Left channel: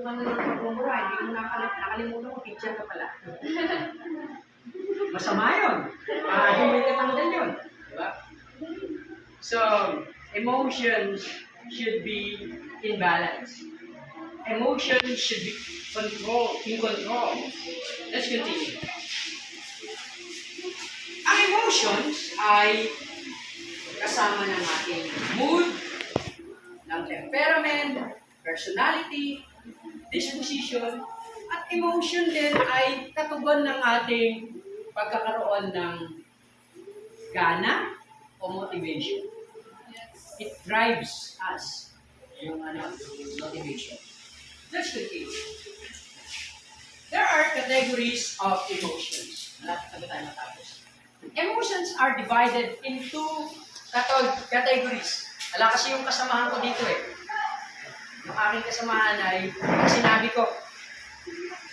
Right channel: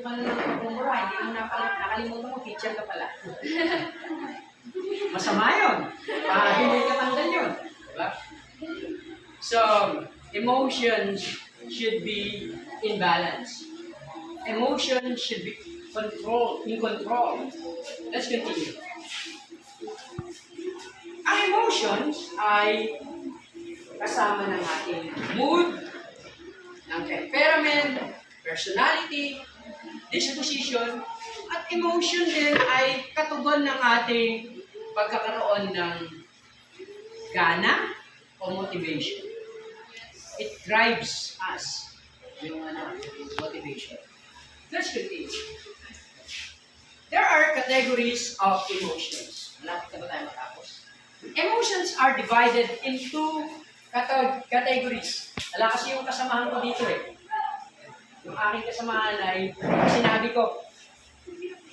ka na ng pagmumura, hindi mo nakalimutan mo, teacher ka pala. Masama yun. Hindi ka tanggal yun. Diba? So, emotions should be in balance. Emotions should be in control. Let's continue. Ang emotions ay kasama ng ating mood, ng temperament, personality, disposition, at emotion din ay katugon ng ating pagkakaroon ng gana o motivation. It drives us, yung motivation. Let's continue. There are categories of emotions. Malapit na ba tayo matapos? Emotions are divided into categories. Wala kasi yung kasamahan ko dito eh. Yung aking kasamahan ay, sinabi ko,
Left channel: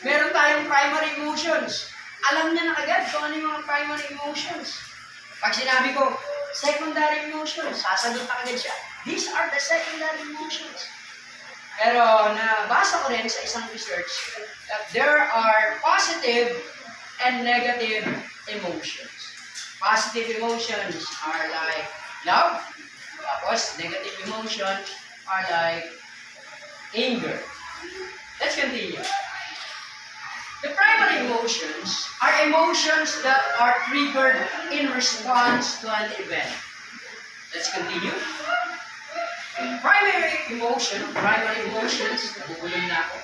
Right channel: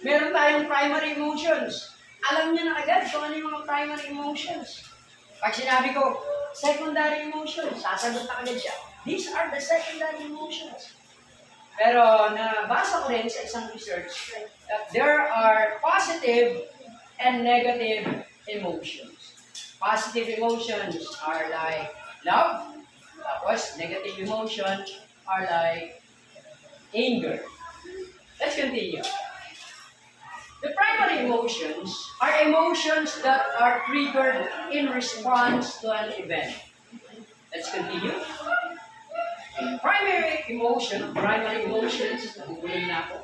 meron tayong primary emotions. Alam niya na agad kung ano yung mga primary emotions. Pag sinabi ko, secondary emotions, sasagot na agad siya. These are the secondary emotions. Pero nabasa ko rin sa isang research that there are positive and negative emotions. Positive emotions are like love. Tapos negative emotions are like anger. Let's continue. The primary emotions are emotions that are triggered in response to an event. Let's continue. Primary emotions, nabubulong na ako,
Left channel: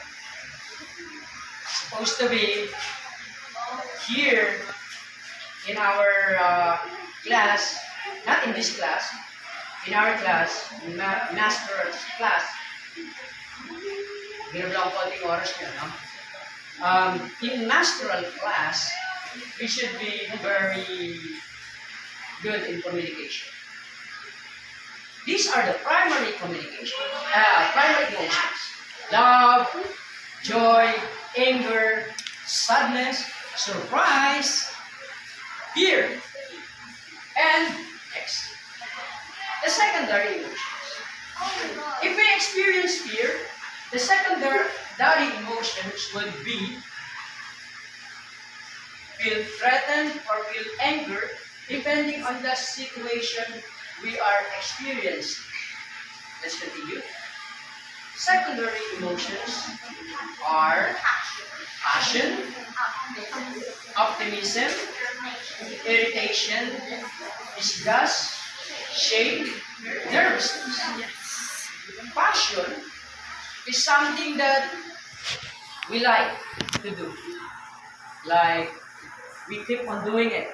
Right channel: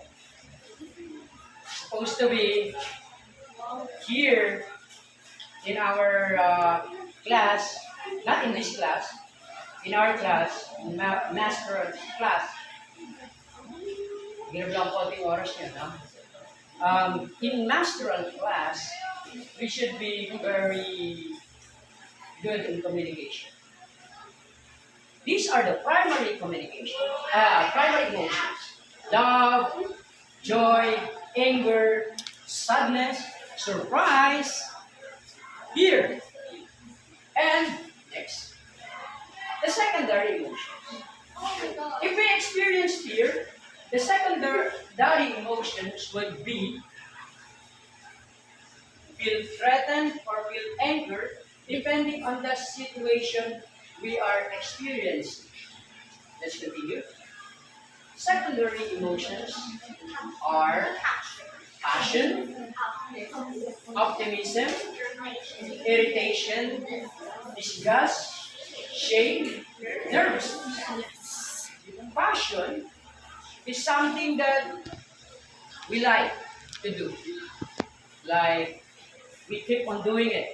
supposed to be here in our class, not in this class, in our class, master's class. Binablang ko konting oras niya, no? In masteral class, we should be very good in communication. These are the primary primary emotions. Love, joy, anger, sadness, surprise, fear. And next, the secondary emotions. If we experience fear, the secondary emotions would be feel threatened or feel anger depending on the situation we are experiencing. Let's continue. Secondary emotions are passion, optimism, irritation, disgust, shame, nervousness. Passion is something that we like to do. Like, we keep on doing it.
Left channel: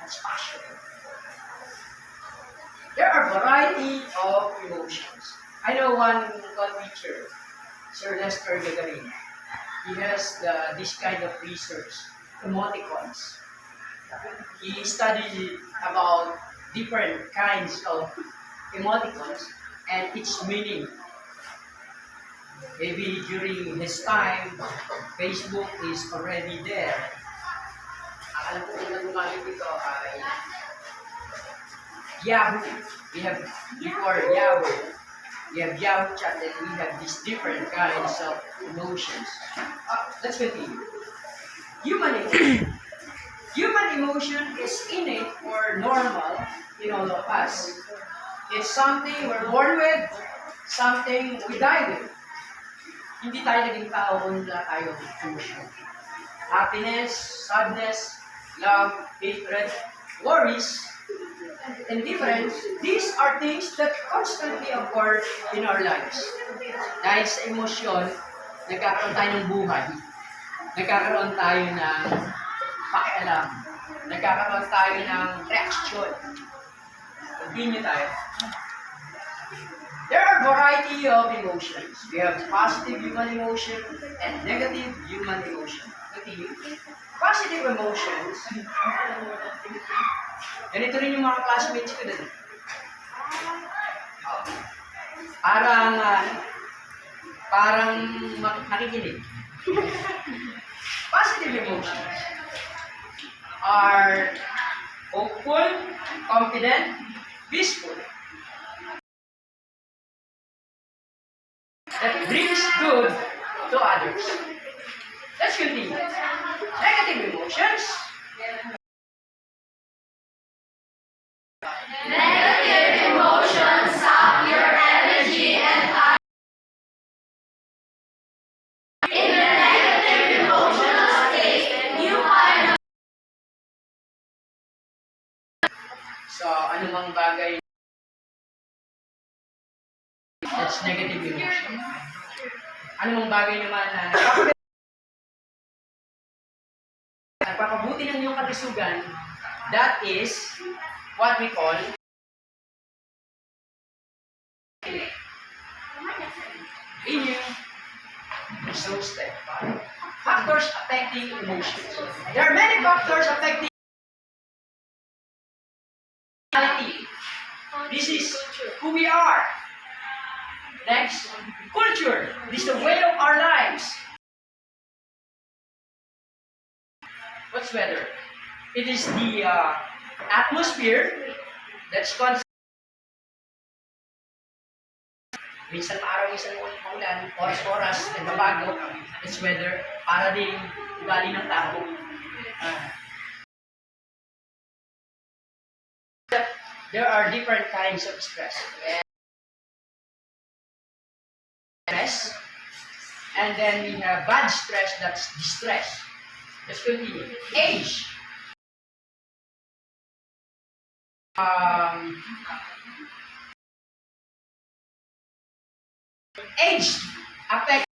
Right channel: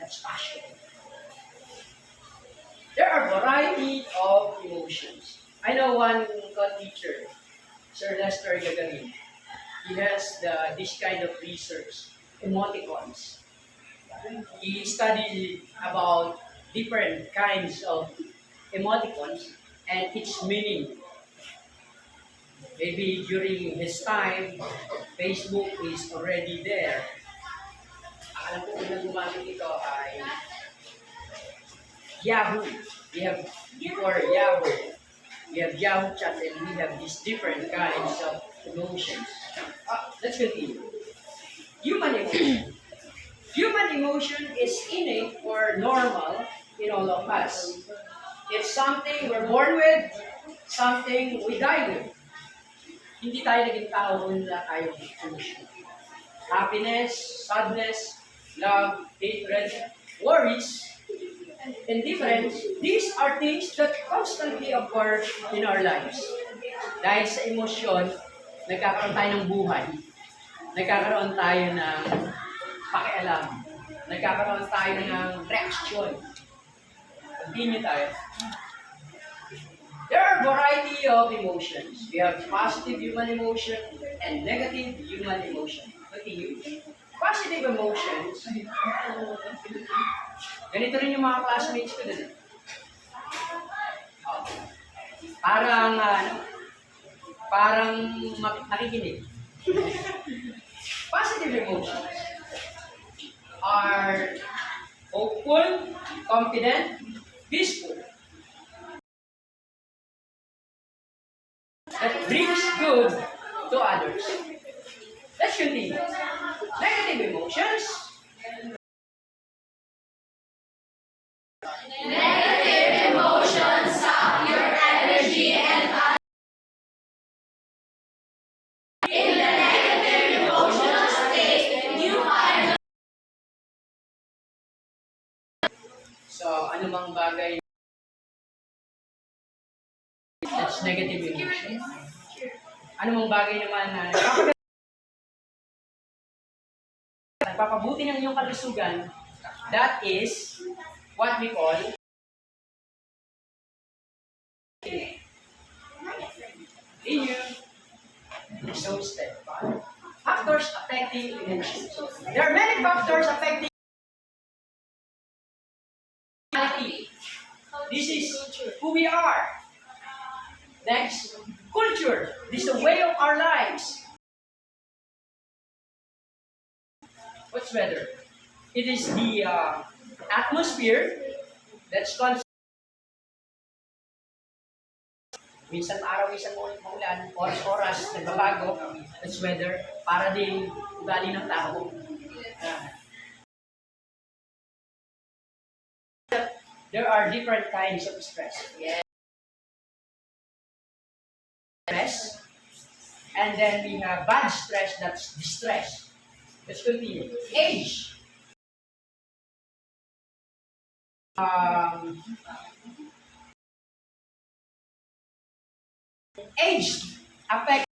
That's passion. There are a variety of emotions. I know one teacher, Sir Lester Gagarin. He has this kind of research, emoticons. He studied about different kinds of emoticons and its meaning. Maybe during his time, Facebook is already there. Alam ko kung gumamit ito ay Yahoo. We have before Yahoo. We have Yahoo chat and we have these different kinds of emotions. Let's continue. Human emotion. Human emotion is innate or normal in all of us. It's something we're born with, something we die with. Hindi tayo naging tao kung wala tayong emotion. Happiness, sadness, love, hatred, worries, indifference, these are things that constantly occur in our lives. Dahil sa emosyon, nagkakaroon tayo ng buhay. Nagkakaroon tayo ng pakialam. Nagkakaroon tayo ng reaksyon. Continue tayo. There are a variety of emotions. We have positive human emotion and negative human emotion. Continue. Positive emotions, ganito rin yung mga classmates ko din. Parang nakikinig. Positive emotions are hopeful, confident, peaceful. That brings good to others. Let's continue. Negative emotions. Negative emotions sap your energy and in the negative emotional state, you find So, anumang bagay that's negative emotion. Anumang bagay naman na nagpapabuti ng iyong kalusugan, that is what we call immune. So, step 5. Factors affecting emotions. There are many factors affecting reality. This is who we are. Next, culture. This is the way of our lives. What's weather? It is the atmosphere that's constant. Minsan maaraw, minsan maulan, oras-oras, nagbabago. It's weather. Para din ugali ng tao. There are different kinds of stress. Stress. And then we have bad stress, that's distress. Let's continue. Age. Age affects